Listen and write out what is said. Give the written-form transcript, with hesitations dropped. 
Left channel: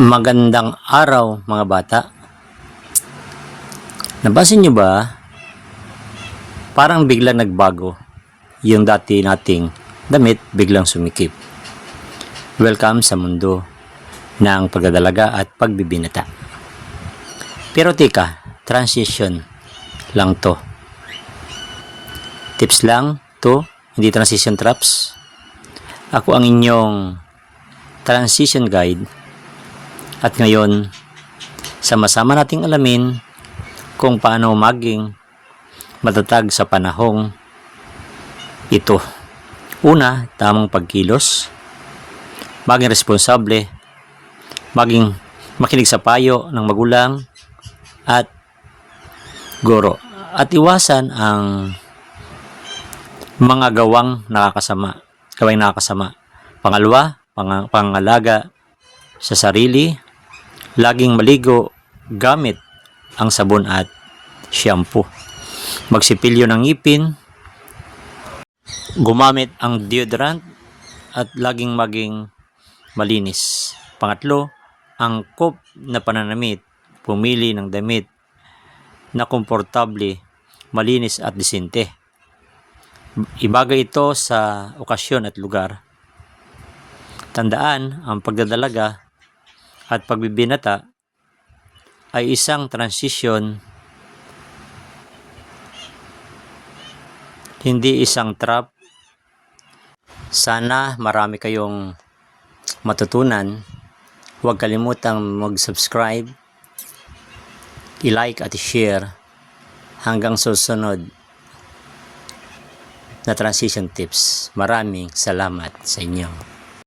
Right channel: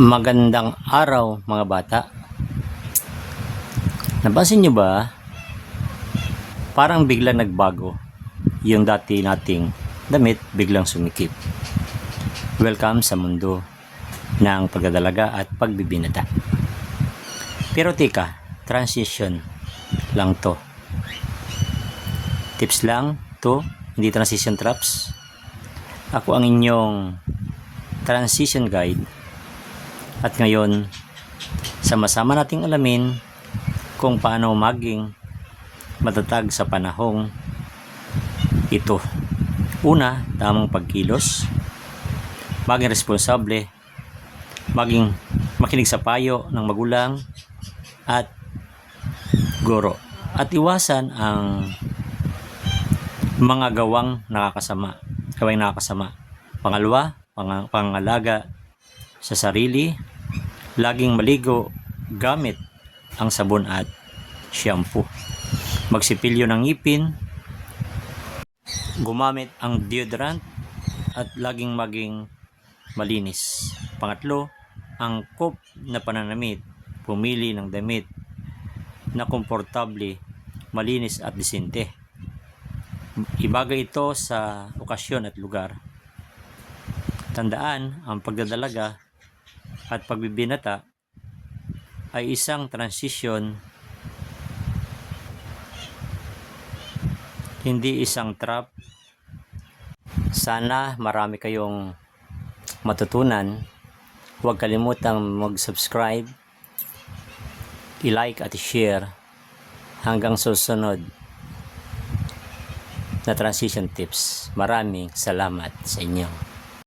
Magandang araw mga bata. Napansin nyo ba? Parang biglang nagbago. Yung dati nating damit biglang sumikip. Welcome sa mundo ng pagdadalaga at pagbibinata. Pero tika, transition lang to. Tips lang to, hindi transition traps. Ako ang inyong transition guide. At ngayon, sama-sama nating alamin kung paano maging matatag sa panahong ito. Una, tamang pagkilos, maging responsable, maging makinig sa payo ng magulang at guro. At iwasan ang mga gawing nakakasama. Pangalawa, pangalaga sa sarili. Laging maligo gamit ang sabon at shampoo. Magsipilyo ng ngipin, gumamit ang deodorant at laging maging malinis. Pangatlo, angkop na pananamit. Pumili ng damit na komportable, malinis at disente. Ibagay ito sa okasyon at lugar. Tandaan, ang pagdadalaga at pagbibinata ay isang transition, hindi isang trap. Sana marami kayong matutunan. Huwag kalimutang mag-subscribe, i-like at i-share. Hanggang susunod na transition tips. Maraming salamat sa inyo.